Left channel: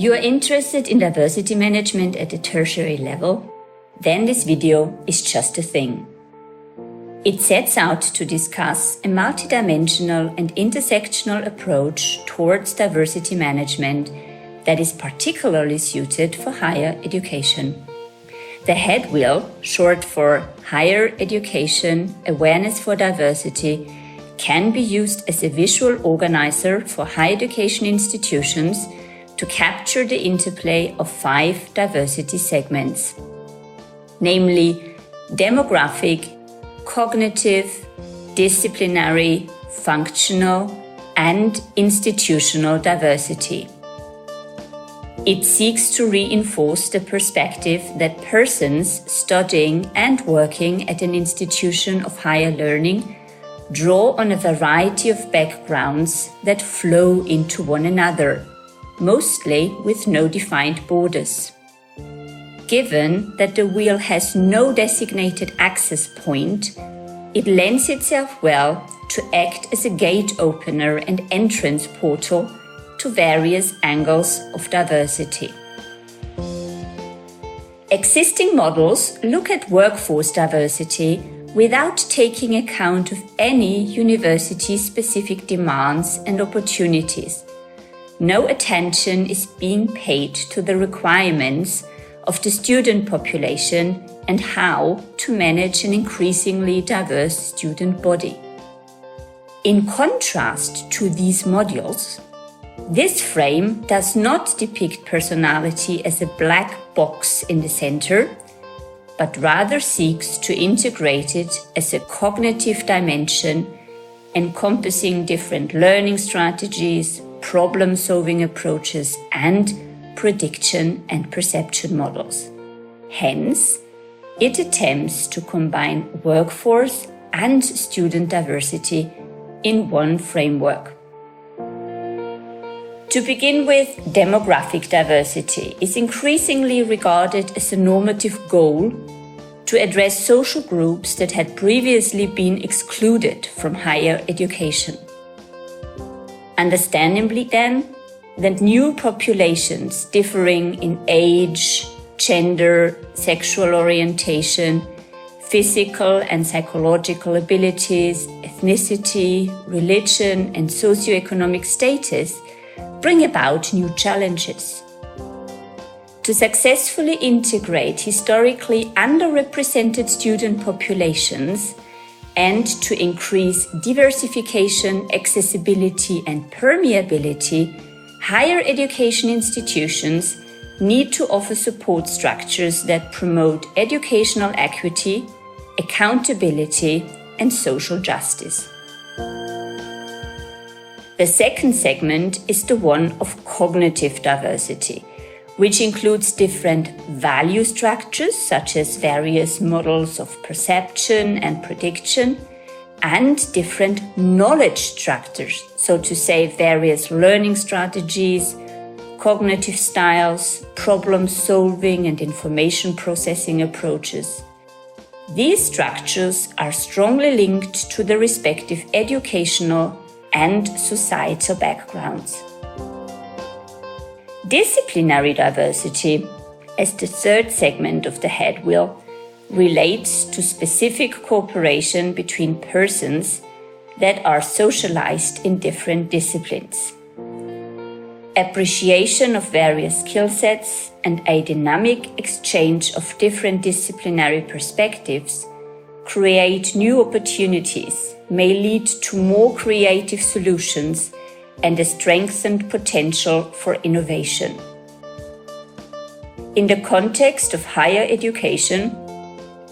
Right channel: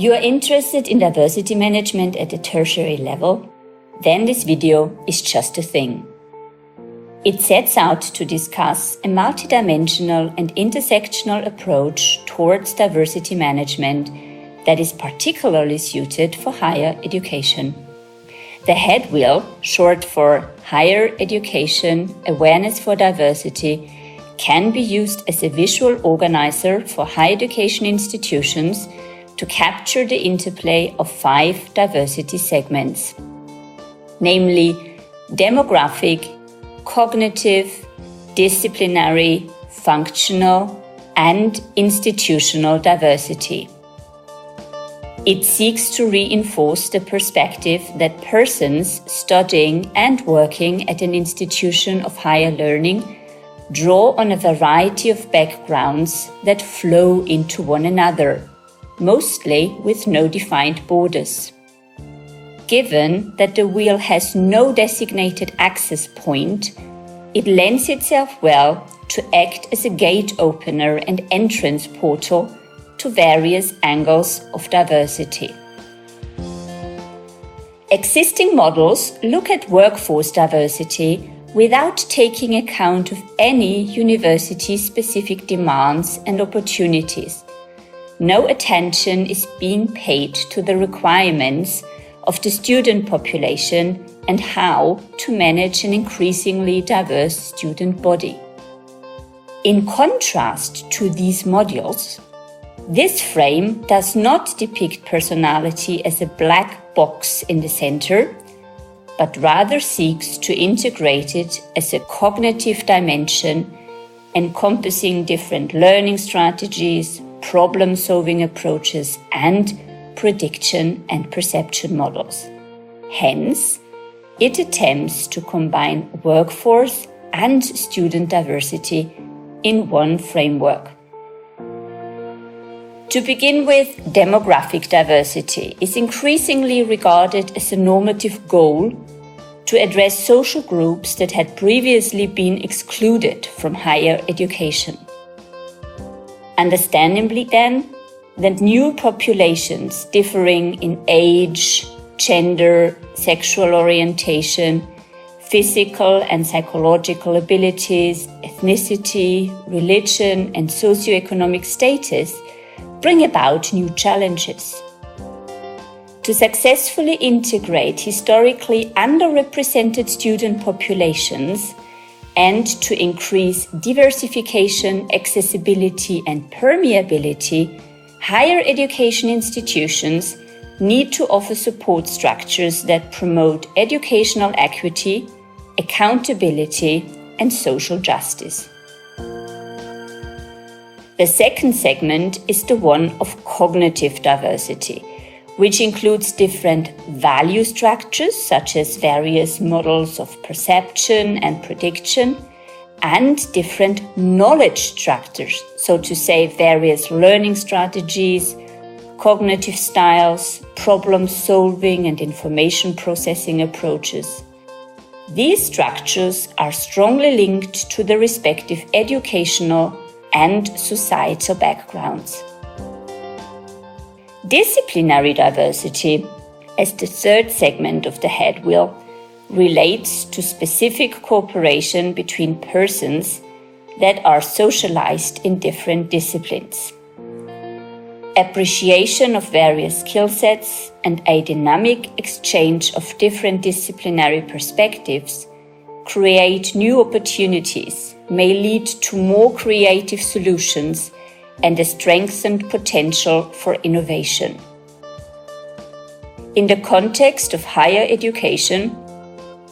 You are interested in diversity management at the tertiary level? Then this video is just the thing. It sets out to discuss a multidimensional and intersectional approach towards diversity management that is particularly suited for higher education. The Headwheel, short for Higher Education Awareness for Diversity, can be used as a visual organizer for higher education institutions to capture the interplay of 5 diversity segments, namely demographic, cognitive, disciplinary, functional, and institutional diversity. It seeks to reinforce the perspective that persons studying and working at an institution of higher learning draw on a variety of backgrounds that flow into one another, mostly with no defined borders. Given that the wheel has no designated access point, it lends itself well to act as a gate opener and entrance portal to various angles of diversity. Existing models look at workforce diversity without taking account of any university-specific demands and opportunities. No attention is being paid to the requirements of the student population and how to manage an increasingly diverse student body. In contrast to these modules, this frame does not depict personality as a black box in the center, but rather seeks to integrate it as a cognitive dimension encompassing different learning strategies, problem-solving approaches, and prediction and perception models. Hence, it attempts to combine workforce and student diversity in one framework. To begin with, demographic diversity is increasingly regarded as a normative goal to address social groups that had previously been excluded from higher education. Understandably then, that new populations differing in age, gender, sexual orientation, physical and psychological abilities, ethnicity, religion, and socioeconomic status bring about new challenges. To successfully integrate historically underrepresented student populations and to increase diversification, accessibility, and permeability, higher education institutions need to offer support structures that promote educational equity, accountability, and social justice. The second segment is the one of cognitive diversity, which includes different value structures such as various models of perception and prediction, and different knowledge structures, so to say various learning strategies, cognitive styles, problem solving and information processing approaches. These structures are strongly linked to the respective educational and societal backgrounds. Disciplinary diversity, as the third segment of the Headwheel, relates to specific cooperation between persons that are socialized in different disciplines. Appreciation of various skill sets and a dynamic exchange of different disciplinary perspectives create new opportunities, may lead to more creative solutions and a strengthened potential for innovation. In the context of higher education,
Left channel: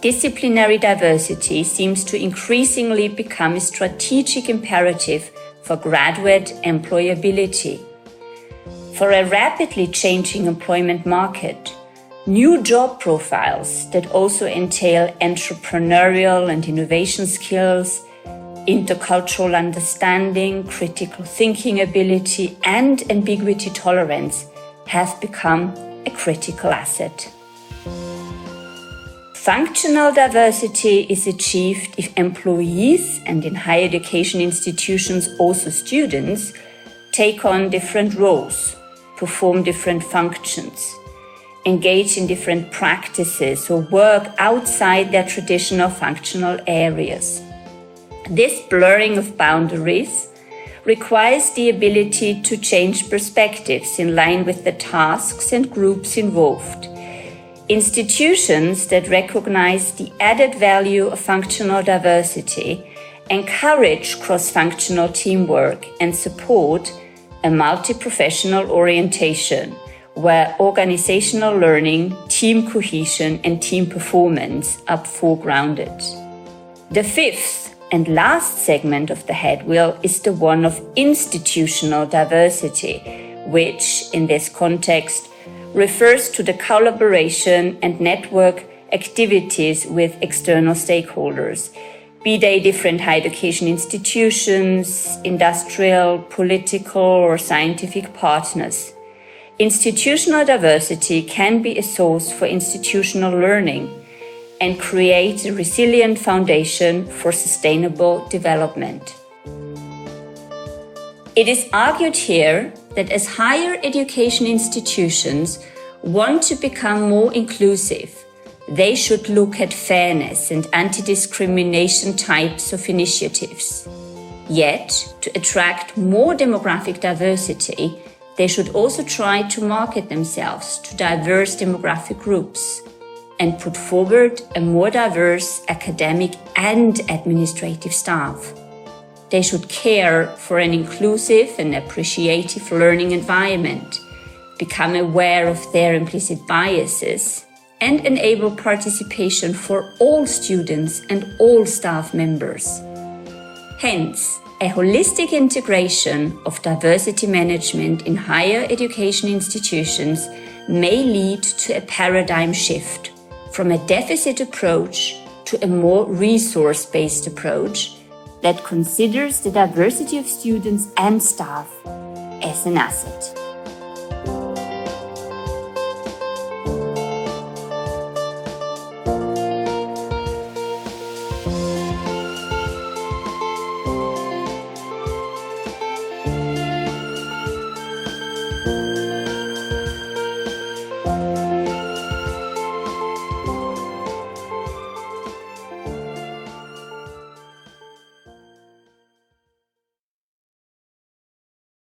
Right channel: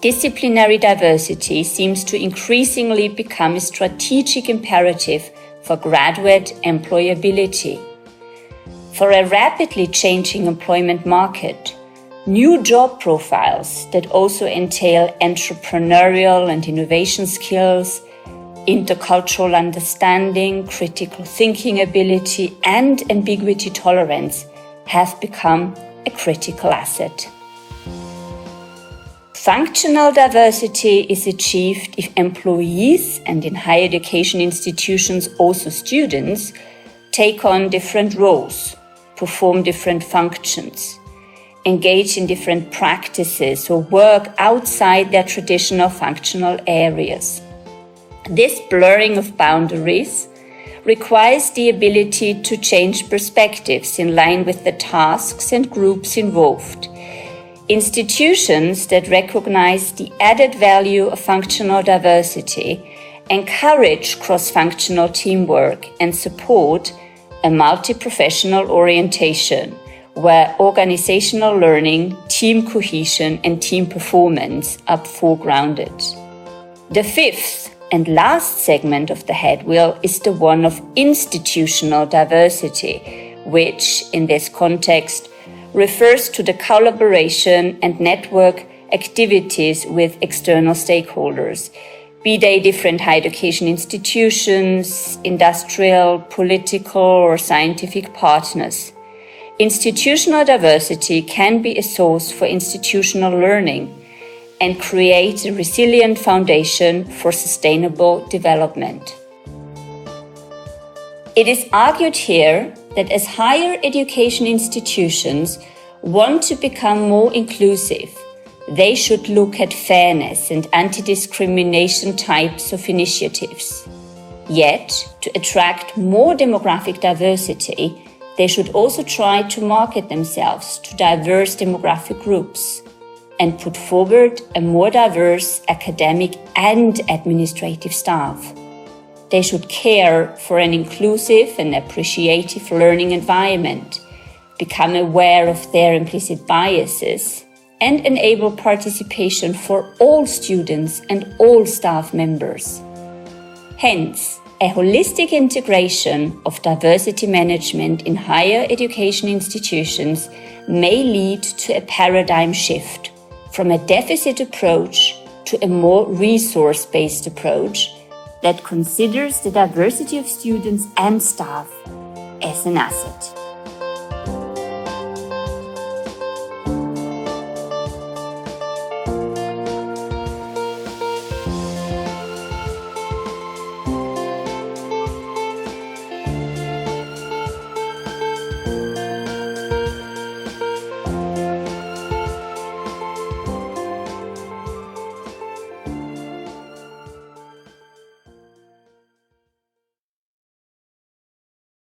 disciplinary diversity seems to increasingly become a strategic imperative for graduate employability. For a rapidly changing employment market, new job profiles that also entail entrepreneurial and innovation skills, intercultural understanding, critical thinking ability, and ambiguity tolerance have become a critical asset. Functional diversity is achieved if employees, and in higher education institutions also students, take on different roles, perform different functions, engage in different practices, or work outside their traditional functional areas. This blurring of boundaries requires the ability to change perspectives in line with the tasks and groups involved. Institutions that recognize the added value of functional diversity encourage cross-functional teamwork and support a multi-professional orientation where organizational learning, team cohesion, and team performance are foregrounded. The fifth and last segment of the head wheel is the one of institutional diversity, which, in this context, refers to the collaboration and network activities with external stakeholders, be they different higher education institutions, industrial, political, or scientific partners. Institutional diversity can be a source for institutional learning and create a resilient foundation for sustainable development. It is argued here that as higher education institutions want to become more inclusive, they should look at fairness and anti-discrimination types of initiatives. Yet, to attract more demographic diversity, they should also try to market themselves to diverse demographic groups and put forward a more diverse academic and administrative staff. They should care for an inclusive and appreciative learning environment, become aware of their implicit biases, and enable participation for all students and all staff members. Hence, a holistic integration of diversity management in higher education institutions may lead to a paradigm shift from a deficit approach to a more resource-based approach that considers the diversity of students and staff as an asset.